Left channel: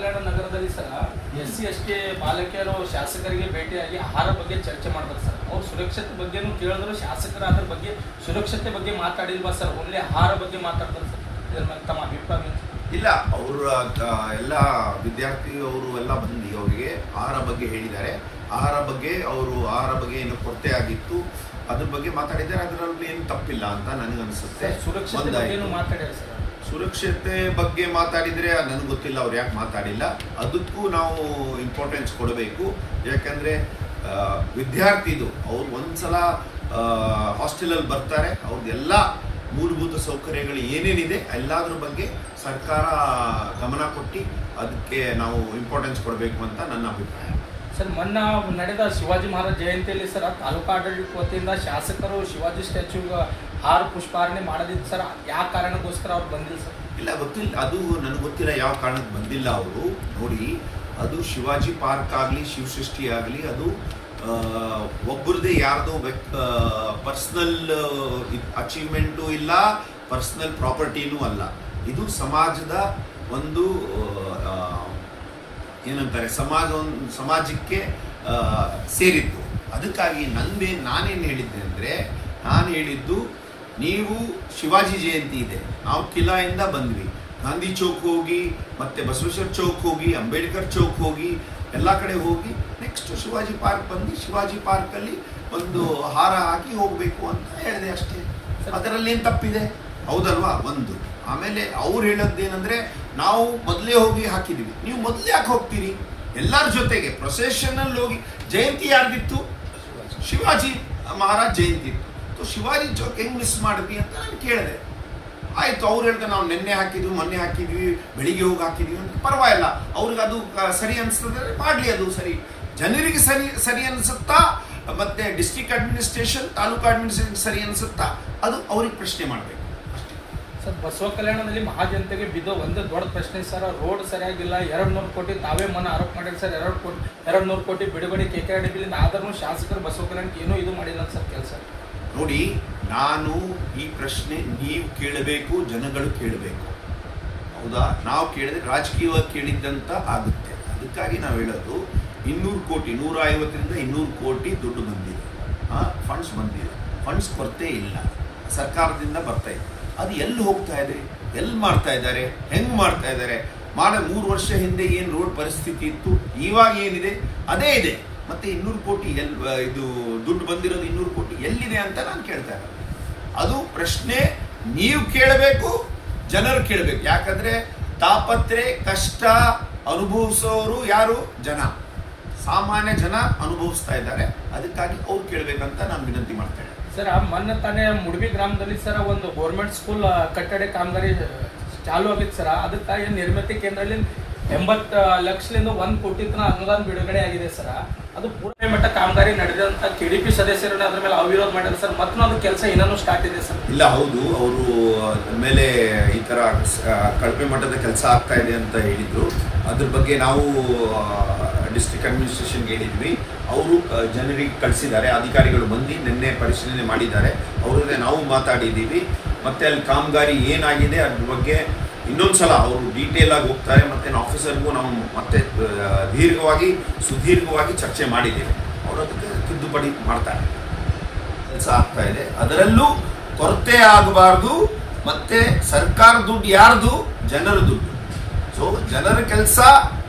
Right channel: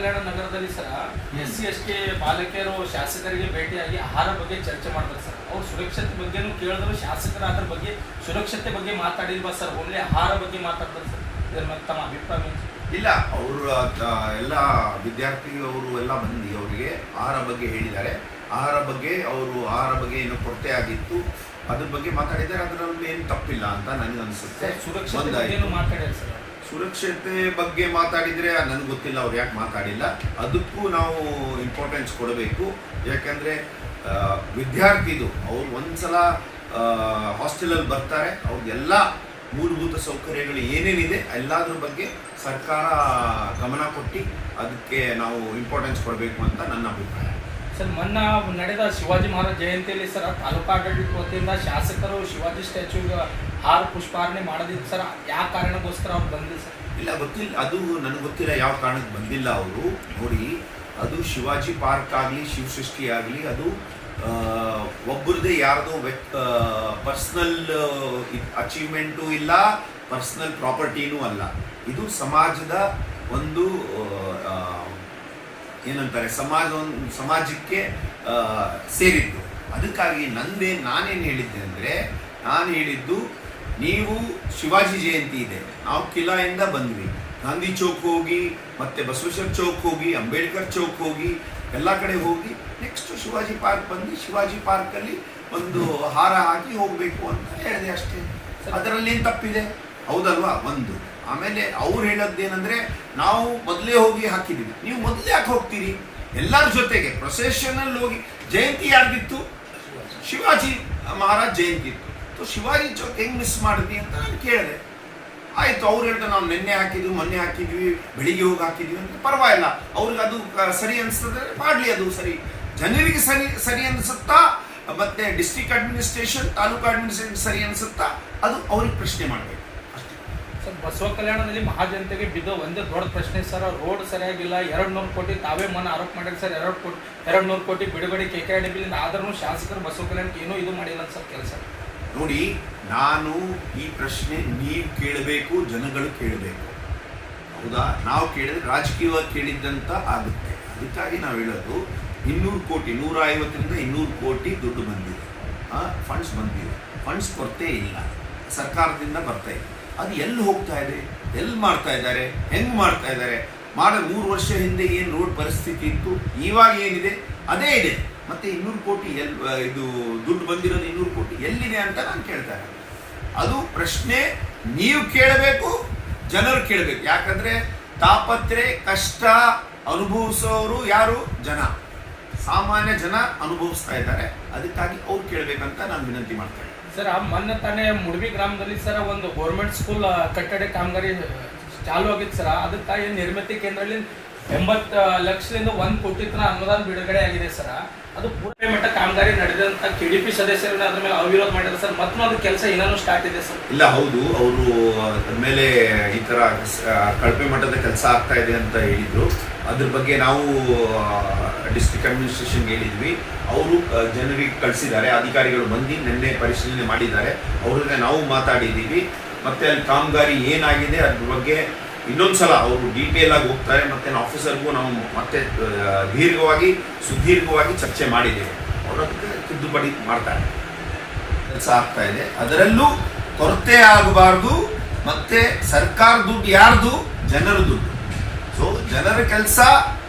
ಕಲ್ಯಾಣ ನಗರದಲ್ಲಿ sir SC/ST ಬಾಲಕಿಯರು ಶಾಸಕರಿಗೆ ಭೇಟಿಯಾಗಿ ಆಹಾರ ಬಗ್ಗೆ ಚರ್ಚೆ ಮಾಡ್ತಾರೆ ಸರ್. ಅವ್ರ ಸುರಕ್ಷತೆ ಬಗ್ಗೆನೂ ಕೇಳಿದ್ರು, ಶಾಸಕರ ಅದ್ರ ಬಗ್ಗೆ ಸುರಕ್ಷತೆ ಬಗ್ಗೆ ಮಾತಾಡಿಲ್ವಾ ಸರ್? ಓನ್ಲಿ ಆಹಾರ ಬಗ್ಗೆ ಮಾತಾಡ್ತಾರೆ ಸರ್. ಇದ್ರ ಮೇಲೆ ತಮ್ಮ ಅಭಿಪ್ರಾಯ? ಇಲ್ಲ, ಅವರು ಎಲ್ಲ ವಿದ್ಯಾರ್ಥಿಗಳು ಎಲ್ಲ ಬಂದು ಅವರಿಗೆ ಆಹಾರ ಬಗ್ಗೆ ಹೇಳಿದ್ದಾರೆ. ಆಹಾರ ಬಗ್ಗೆ ಏನು ಕೊರತೆ ಆಗಿತ್ತು ಅದ್ರ ಬಗ್ಗೆ ಮಾತಾಡಿದ್ದಾರೆ. ಅದರಲ್ಲಿ ಏನು ತಪ್ಪಿಲ್ಲ ಅಂತ ನನಗೆ ಅನಿಸುತ್ತೆ. ಸುರಕ್ಷತೆ ಬಗ್ಗೆ ಮಾತಾಡಿದರೆ ನನಗೆ ಗೊತ್ತಿಲ್ಲ ಅವ್ರು ಯಾಕೆ ಮಾತಾಡಿಲ್ಲ. ಅದಕ್ಕೂ ನಾವು ಇಂಪಾರ್ಟೆನ್ಸ್ ಕೊಡಬೇಕು. ಯಾಕಂದರೆ ವಿದ್ಯಾರ್ಥಿದು ಅವ್ರು ಒಂದ್ಸಲ ಹಾಸ್ಟೆಲಲ್ಲಿ ಬರ್ತಾರೆ, ಅವ್ರದ್ದೆಲ್ಲ ಮೂಲಭೂತ ಸೌಕರ್ಯಗಳು ಏನೇನಿದೆ ಎಲ್ಲದ್ರ ಬಗ್ಗೆ ಸರ್ಕಾರ ಗಮನ ಕೊಟ್ಟು ಅದಕ್ಕೆ ನಾವು ಇಂಪಾರ್ಟೆನ್ಸ್ ಕೊಡಬೇಕು ಅಂತ ನನ್ನ ಅಭಿಪ್ರಾಯ. ಸರ್, ಮೊನ್ನೆ ನಡೆದ ಶಿವಾಜಿ ಮಹಾರಾಜ್ ಜಯಂತಿಯಲ್ಲಿ ಸರ್ ತಾಲೂಕು ಆಡಳಿತ ವತಿಯಿಂದ ಶಾಸಕರು ಶಿವಾಜಿ ಸ್ಟ್ಯಾಚ್ಯೂಗೆ ಹಾರ ಪುಷ್ಪಾರ್ಣೆ ಮಾಡೋದಿತ್ತು ಸರ್. ಯಾವ ಕಾರಣಕ್ಕೋಸ್ಕರ ಅವ್ರು ಬಂದಿಲ್ಲ ಸರ್? ಇಲ್ಲ, ಗೊತ್ತಿಲ್ಲ, ಅದು ನನಗೆ ಗೊತ್ತಿಲ್ಲ ಯಾವ ಕಾರಣಕ್ಕೆ ಬಂದಿಲ್ಲ ಅವರು. ನೋಡಿ, ಅದು ಶಿವಾಜಿ ಪಾರ್ಕ್ ಆಗಲಿ ಶಿವಸೃಷ್ಟಿ ಆಗಲಿ ಅದು ಒಬ್ಬರದೇ ಯಾರ್ದೋ ಪರ್ಸ್ನಲ್ ಅಚೀವ್ಮೆಂಟು ಇಲ್ಲ, ಪರ್ಸ್ನಲ್ ಪ್ರಾಪರ್ಟಿನೂ ಅಲ್ಲ. ಇದು ಸಮಾಜದ ಒಂದು ಏನಂತಾರೆ ಸಮಾಜಕ್ಕೆ ಸೇರಿದ್ದು. ಅದಕ್ಕಾಗಿ ನಾನೇನು ಹೇಳಿದ್ದೆ ಅಂದರೆ, ನಾನು ಹೇಳಿದ್ದು ನೀವು ಶಿವಾಜಿ ಜಯಂತಿ ಇದೆ, ನಾವು ಕಿಲಾಯಿಂದ ಬಂದ್ವಿ, ಗಾಂಧಿ ಚೌಕ್ ಹೋಗಿ ಮತ್ತೆ ಬಸವೇಶ್ವರ ಚೌಕ್ ಹೋಗಿ ಅಂಬೇಡ್ಕರ್ ಚೌಕ್ ಹೋಗಿ ಎಲ್ಲ ಕಡೆ ಹೋಗಿ ನೆಕ್ಸ್ಟ್ ಶಿವಾಜಿ ಪಾರ್ಕ್ ಬಂದು ಶಿವಾಜಿ ಪಾರ್ಕಲ್ಲಿ ಒಂದು ಹಾರ ಹಾಕಿ ಹೋಗಬೇಕು ಅಂತ ಹೇಳಿದೆ ಅಷ್ಟೇ. ಅದರಲ್ಲಿ ಏನು ತಪ್ಪಿದೆ? ಹೌದಲ್ವಾ? ಒಂದು. ಆಮೇಲೆ ಅವ್ರು ಹೇಳೋದೇನೆಂದರೆ, ನಾವು ಮೊದಲೇ ಹೋಗಿ ಹಾಕಿದ್ದೀವಿ, ನೀವು ಮೊದಲೇ ಯಾಕೆ ಹೋಗ್ತೀರಿ? ಎಲ್ಲರ ಜೊತೆಗೆ ಪ್ರೊಸೆಷನಲ್ಲಿ ಹೋಗಿ. ಜಯಂತಿ ಯಾರ್ದಿತ್ತು? ಶಿವಾಜಿ ಮಹಾರಾಜ್ ಜಯಂತಿ ಇತ್ತು. ಶಿವಾಜಿ ಚೌಕ್ ಹೆಂಗೆ ಮಿಸ್ ಮಾಡಿದ್ವಿ ಅಂತ ನಾನು ಕೇಳಿದೆ. ಆಯಿತು, ಅವ್ರು ಹೇಳ್ತಾರೆ ನಾವು ಮೊನ್ನೆ ಹಾಕಿದ್ವಿ, ಬೆಳಿಗ್ಗೆ ಹೋಗಿ ಹಾಕಿದ್ವಿ ಅಂತ. ಪರವಾಗಿಲ್ಲ, ಅವ್ರಿಗೆ ಅದು ಸರಿ ಅನಿಸ್ತದೆ, ಮಾಡಲಿ, ಅದು ಸರಿ. ಜನರಿಗೆ ಸರಿ ಅನಿಸುತ್ತಾ ಮತ್ತೆ ಡಿಸ್ಟ್ರಿಕ್ಟ್ ಅಡ್ಮಿನಿಸ್ಟ್ರೇಷನ್ ತಾಲೂಕು ಅಡ್ಮಿನಿಸ್ಟ್ರೇಷನ್ ಸರಿ ಅನಿಸುತ್ತಾ ಅದು ಅವ್ರಿಗೆ ಪ್ರಶ್ನೆ ಮಾಡಬೇಕು. ಸರ್, ಬಸವ ಕಲ್ಯಾಣದಲ್ಲಿ ಮಹಾಜನತೆಗೆ ಬಿದ್ದ ಒಂದು ದೊಡ್ಡ ಪ್ರಶ್ನೆ ಸರ್, ರೋಡ್ ಸರಿಯಾಗಿಲ್ಲ. 200 ಕೋಟಿ ತಾವೇ ಮನೆ ಆರೋಪ ಮಾಡಿದ್ರೆ ಸರ್. 200 ಕೋಟಿ ಬಿಡುಗಡೆ KKRDBಯಿಂದ ಆದ್ರೂ ಶಾಸಕರು ಬಸವ ಕಲ್ಯಾಣಕ್ಕೆ ಏನೂ ಇದು ಮಾಡಿಲ್ಲ ಸರ್ ಕೆಲಸ. ನೋಡಿ, ನಾನು ಈ ಪ್ರಶ್ನೆ ನೀವು ಕೇಳಬೇಕು, ಜನಗಳು ಕೇಳಬೇಕು. ಹೌದಾ? ನಾವು ಕೇಳಿದ್ರೆ ರಾಜಕೀಯವಾಗಿ ಕೇಳಿದ್ದಂತ ಆಗುತ್ತೆ. ಅದಕ್ಕಾಗಿ ನಾವು ಹೇಳೋದು 200 ಕೋಟಿ 150ರಿಂದ 200 ಕೋಟಿ ದುಡ್ಡು ಬಂದಿದೆ, ಫಂಡ್ಸ್ ಬಂದಿದೆ. ಫಂಡ್ಸ್ ಕೊರತೆ ಇಲ್ಲ, ಸರ್ಕಾರದಿಂದ ಬರ್ತಾ ಇದೆ. ಅದು ಎಲ್ಲಿ ಹೋಗ್ತಾ ಇದೆ, ಎಲ್ಲಿ ಮಾಡ್ತಾ ಇದ್ದಾರೆ, ಹೆಂಗೆ ಮಾಡ್ತಾ ಇದ್ದಾರೆ? 3 ವರ್ಷ ಹಿಂದೆ ಏನು ರೋಡ್ ಪರಿಸ್ಥಿತಿ ಇತ್ತು, ಇವಾಗ ಏನಿದೆ ಅದೇ ಇದೆ. ಮತ್ತೆ 200 ಕೋಟಿ ಇದು ದುಡ್ಡು ಬಂದಿರೋದು 200 ಕೋಟಿ ಎಲ್ಲಿದೆ ಅಂತ ನಾನು ಕೇಳ್ತಾ ಇರೋದು. ಅದು ಪ್ರಶ್ನೆ ನೀವು ಕೇಳಬೇಕು, ಜನರು ಕೇಳಬೇಕು. ಯಾಕಂದ್ರೆ ತಾಪತ್ರೆ ಕಷ್ಟ ಅನುಭವಿಸೋರು ಯಾರು? ಜನ, ಸಾಮಾನ್ಯ ಜನ ಅನುಭವಿಸ್ತಾ ಇದ್ದಾರೆ. ಅದಕ್ಕಾಗಿ ಅವ್ರು ಕೇಳಬೇಕಂತ ನಾನು ವಿನಂತಿ ಮಾಡ್ತೇನೆ. ಸರ್, ಮೊನ್ನೆ ತಾನೇ ಮುಡ್ಬಿ ಗ್ರಾಮದಲ್ಲಿ ಸರ್ ಒಂದು ಗೌರ್ಮೆಂಟ್ ಸ್ಕೂಲ್ ಕಟ್ಟಡ ಕಾಮಗಾರಿ ಚಾಲು ಆಗಿತ್ತು ಸರ್. ಅದಕ್ಕಾಗಿ ನಿರ್ಮಿತಿ ಕೇಂದ್ರದಲ್ಲಿ 80 ಲಕ್ಷದಿಂದ 1 ಕೋಟಿ ತನಕ ಅನುದಾನ ಬಿಡುಗಡೆ ಆಗಿದೆ ಸರ್. ಅದು ಪೂರ್ಣ ಮಟ್ಟ ಕಾಮಗಾರಿ ನಡೆದಂತ KDP ಸದಸ್ಯರನ್ನ ಅದ್ರ ಮೇಲೆ ಅವಿರೋಧ ಮಾಡಿದ್ರು ಸರ್. ಮತ್ತು ಅದು ಕೆಲಸ ಇನ್ನೂ ಸ್ಟಾರ್ಟ್ ಇದೆ ಸರ್. ಇಲ್ಲ, ಹೌದು, ಅವರು ಮೇಲೆ ಈ ತರ ಕಳಪೆ ಮಟ್ಟದ ಕೆಲಸ ಆಗ್ತಾ ಇದೆ ಅಂತ ಹೇಳಿದ್ರು. ಅದ್ರ ಬಗ್ಗೆ ನಾವು ಡಿಸ್ಟ್ರಿಕ್ಟ್ ಅಡ್ಮಿನಿಸ್ಟ್ರೇಷನ್ಗೆ ಹೇಳಿದ್ವಿ. ಅವರು ಜನರಿಗೆ ಕಳಿಸಿದ್ದಾರೆ, ಅಧಿಕಾರಿಗಳು ಬಂದು ನಿನ್ನೆ ಪರಿಶೀಲನೆ ಮಾಡಿದ್ದಾರೆ. ಅವ್ರನ್ನೇ ನಾವು ಮಾತಾಡಿದ್ದೀವಿ. ಮತ್ತೆ ಅಲ್ಲಿ ಕಾಮಗಾರಿ ಏನಾಗಿದೆ ಅದ್ರ ಬಗ್ಗೆ ಇನ್ನೊಂದ್ಸಲ ಅವರು ಡೀಟೇಲ್ ಆಗಿ ಹೋಗ್ತಾರೆ. ಮತ್ತೆ ಆಫೀಸರ್ಗೂ ನಾವು ಮತ್ತೆ ಸುದೀರ್ಘವಾಗಿ ಚರ್ಚೆ ಮಾಡಿದ್ದೇವೆ. ಅವರು ಅದಕ್ಕೆ ತಿದ್ದುಪಡಿ ಮಾಡ್ತಾರೆ. ಕೆಲಸ ಆಗ್ತಾ ಇದೆ, ಅದರಲ್ಲೂ ಕೊರತೆ ಆಗಬಾರ್ದು. ಮತ್ತೆ ಸರ್ಕಾರ ದುಡ್ಡು ಯಾರ್ದು? ಜನರ ದುಡ್ಡು. ಸೊ ಜನರ ಕೆಲಸ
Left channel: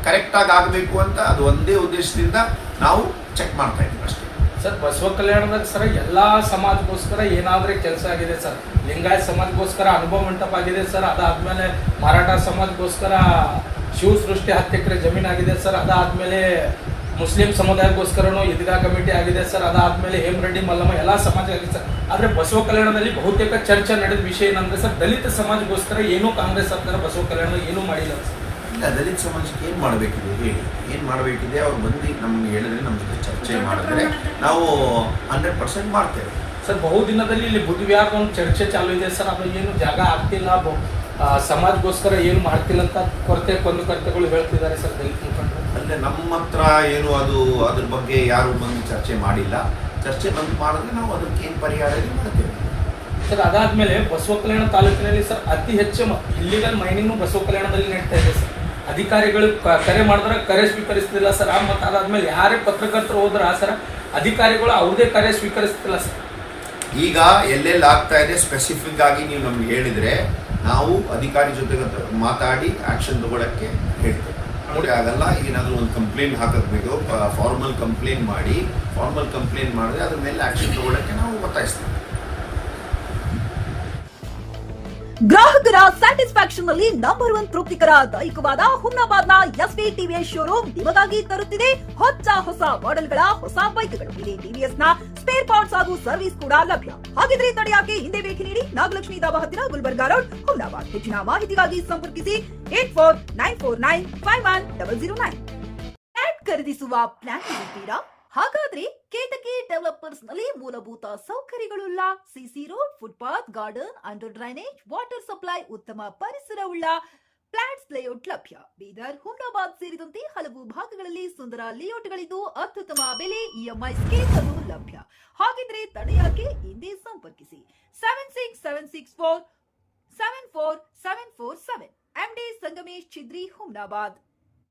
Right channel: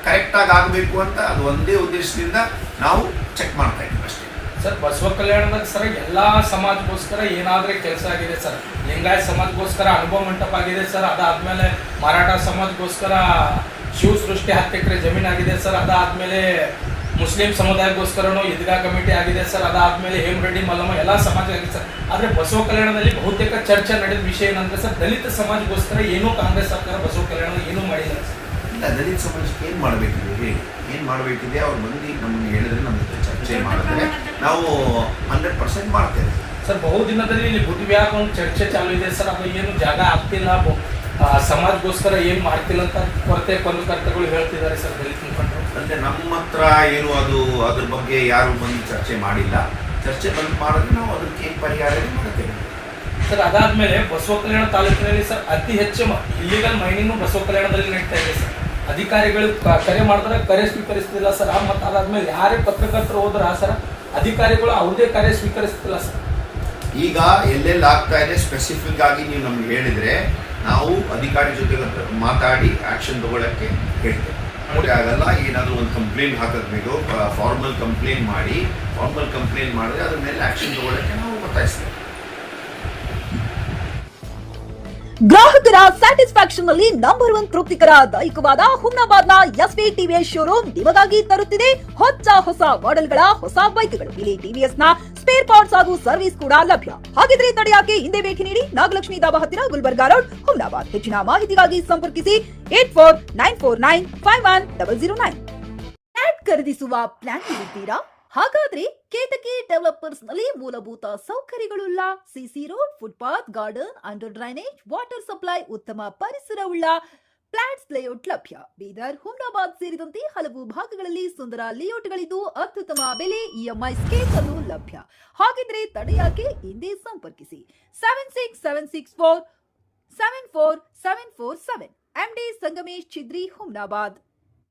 ಕರೆಕ್ಟಾಗಿ ಆಗಬೇಕು ಅಂತ ಅದು ಒಂದೇ ಉದ್ದೇಶದಿಂದ ನಾವು ಚೆಕ್ ಮಾಡ್ತಾ ಇದ್ದೀವಿ ಅಷ್ಟೇ. ಸರ್, ಬಸವ ಕಲ್ಯಾಣದಾಗ ಸರ್ ಎಲ್ಲಾ ಸಮಾಜಗೋಸ್ಕರ ಏನಾದ್ರೆ ಕೆಲಸ ಆಗಿದೆ ಸರ್. ಲಿಂಗಾಯತ ಸಮಾಜಗೋಸ್ಕರ ಅನುಭವ ಮಂಟಪ ಆಗಿದೆ ಸರ್. ಅದಾದ್ಮೇಲೆ ಮರಾಠ ಸಮಾಜಗೋಸ್ಕರ ಶಿವ ಸೃಷ್ಟಿ 10 ಎಕರೆ ಜಮೀನು ಆಗಿದೆ ಸರ್. ಅದಾದ್ಮೇಲೆ ಮುಸ್ಲಿಂ ಸಮುದಾಯಕ್ಕೋಸ್ಕರನೂ ಈದ್ಗಾ ಕಮಿಟಿ ಆಗಿದೆ ಸರ್. ಅದಾದ್ಮೇಲೆ ಹೇಮರೆಡ್ಡಿ ಮಲ್ಲಮ್ಮ ಎಲ್ಲ ಸಮಾಜ ಆಗಿದೆ ಸರ್. ಆದ್ರೆ ಬಸವ ಕಲ್ಯಾಣದಲ್ಲಿ ಬಹುತೇಕ ಚರ್ಚೆ ನಡೆದ ವಿಷಯ ಏನಂದ್ರೆ ಸರ್, ದಲಿತ ಸಮಾಜಗೋಸ್ಕರ ಏನೂ ಕಾಂಗ್ರೆಸ್ ಸರ್ಕಾರ ಬಸವ ಕಲ್ಯಾಣದಲ್ಲಿ ಏನೂ ಮಾಡಿಲ್ಲ ಸರ್. ಇಲ್ಲ, ದಲಿತ ಸಮಾಜಕ್ಕೆ ಏನು ಮಾಡಬೇಕಿದೆ, ಹೇಳಿ ಏನು ಮಾಡಬೇಕಿದೆ? ಅವ್ರು ಬಂದು ನಮ್ಮನ್ನು ಹೇಳಿದ್ರೆ ನಮ್ಮ ಜೊತೆ ಚರ್ಚೆ ಮಾಡಿದ್ರೆ ನಾವು 100% ಮಾಡ್ತೇವೆ ಸರ್. ಬಹುದಿನದಲ್ಲಿ ಇಲ್ಲಿ ಬುದ್ಧಿವ್ಯಾಪ ಒಂದು ಚರ್ಚೆ ಚಾಲು ಇದೆ ಸರ್. ಅದು ಏನು ಜಾಗ ಆಗ್ತಿಲ್ಲ, ಸಮಾಜಗೋಸ್ಕರ ಏನು ಮಾಡ್ತಿಲ್ಲ ಅಂತ ಕುಂದುಕೊರತೆಗಳು ಹೇಳ್ತಿದ್ದಾರೆ ಸರ್ ದಲಿತ ಮುಖಂಡರು. ಅಂದರೆ ನಮ್ಮ ಹತ್ರ ಏನು ಅದ್ರ ಬಗ್ಗೆ ಯಾರು ಬಂದು ಚರ್ಚೆ ಮಾಡಿಲ್ಲ. ಚರ್ಚೆ ಬಂದು ಮಾಡಿದ್ರೆ ನಾವು ಅದಕ್ಕೆ ಏನು ಪರಿಹಾರ ಮಾಡ್ತೇವೆ ಸರ್. ಅದಾದ್ಮೇಲೆ ಬಸವ ಕಲ್ಯಾಣ ತಾಲೂಕಿನಲ್ಲಿ ಸರ್ ಅತಿ ಹೆಚ್ಚು ಇಲ್ಲಿಗಲ್ ಮೈನಿಂಗ್ ಬಸವ ಕಲ್ಯಾಣದಲ್ಲಿ ನಡೀತಾ ಇದೆ ಸರ್. ಅಧಿಕಾರಿಗಳು ಕರೆ ಮಾಡಿದ್ರೆ ಕರೆ ಸ್ವೀಕರಿಸ್ತಿಲ್ಲ ಸರ್. ಮತ್ತು ಅದಾದ್ಮೇಲೆ ಯಾರೇ ಪತ್ರಕರ್ತರು ಹೋದ್ರ ಸರ್ ಅಧಿಕಾರಿಗಳು ಅವ್ರದೇ ಕರೆ ಸ್ವೀಕರಿಸ್ತಿಲ್ಲ ಸರ್. ಈಗ ಎಲ್ಲೆಲ್ಲಿ ಆಗ್ತಾ ಇದೆ ಸ್ಪೆಸಿಫಿಕ್ ಆಗಿ ನೀವು ನಮ್ಗೆ ಹೇಳಿದ್ರೆ ನಾವು ಅಧಿಕಾರಿ ಜೊತೆಗೆ ಮಾತಾಡಿ ಆಕ್ಷನ್ ತಗೊಳಕ್ಕೆ ಹೇಳ್ತೇವೆ. ನೋಡಿ ಆಗಲ್ಲ, ಏನಾದರೂ ಒಂದು ಕಂಪ್ಲೇಂಟ್ ಹಾಕಬೇಕು, ಫಾರ್ಮಲ್ ಕಂಪ್ಲೇಂಟ್ ಮಾಡಿದ್ರೆ ಅದ್ರ ಮೇಲೆ ಆಕ್ಷನ್ ತಗೊಳಕ್ಕೆ ನಾವು ಒತ್ತಾಯಿಸ್ತೇವೆ. ಗ್ರಾಹಕರ ಸ್ಯಾಟಿಸ್ಫ್ಯಾಕ್ಷನ್ ನಲ್ಲಿ ನಂಬರ್ 1 ತೃಪ್ತಿಕರ ದೈಹಿಕವಾದ ಹುಮ್ನಾಬಾದ್ನ ಎಸ್ವಿ ಟಿವಿಎಸ್ ಶೋರೂಮ್ ನಿಮಗಾಗಿ ತರುತ್ತಿದೆ ಹೊಸ ಮಾಡೆಲ್ಗಳ ಹೊಸ ಬೈಕ್ಗಳು. ಇಲ್ಲಿ ಟಿವಿಎಸ್ ನ ಸ್ಪೇರ್ ಪಾರ್ಟ್ಸ್ ಹಾಗೂ ಸರ್ವಿಸ್ ಕೂಡ ಲಭ್ಯ. ಹಾಗಿದ್ರೆ ತಡೆಯಾಕೆ ಹಿಂದೆ ಭೇಟಿ ನೀಡಿ, ನಾಗಲಕ್ಷ್ಮಿ ದಾಬಾ ಹತ್ತಿರ ಗುಲ್ಬರ್ಗಾ ರೋಡ್, ಹುಮ್ನಾಬಾದ್. ಹೆಚ್ಚಿನ ಮಾಹಿತಿಗಾಗಿ ಸಂಪರ್ಕಿಸಿ 8494951009. ಫ್ಲಾಟ್ ಖರೀದಿಸುವ ಪ್ಲಾನ್ ಇರುತ್ತೀರಾ? ಹಾಗಾದ್ರೆ ಕೇತಕಿ ಡೆವಲಪರ್ಸ್ ನಲ್ಲಿ ಮೂಲಭೂತ ಸೌಕರ್ಯಗಳುಳ್ಳ CC road, footpath, garden, under drainage, water supply, ಉತ್ತಮ ಪರಿಸರವುಳ್ಳ ಫ್ಲಾಟ್ಸ್ ಲೇಔಟ್ ಲಭ್ಯ. ಬೀದರ್, ಹುಮ್ನಾಬಾದ್ ಸೇರಿದಂತೆ ಹಲವು ಭಾಗಗಳಲ್ಲಿ ಸುಂದರ ಲೇಔಟ್ಗಳಿದ್ದು ಅತ್ಯುತ್ತಮ ಬೆಲೆ, ಇಎಂಐ ಸ್ಕೀಮ್ಸ್ ಅನ್ನು ಲಭ್ಯ. ಹಾಗಿದ್ರೆ ತಡೆಯಾಕೆ ಹಿಂದೆ ಸಂಪರ್ಕಿಸಿ 76764 74747. MD ಸಂಗಮೇಶ್ ಚಿದ್ರಿ, ಹುಮ್ನಾಬಾದ್.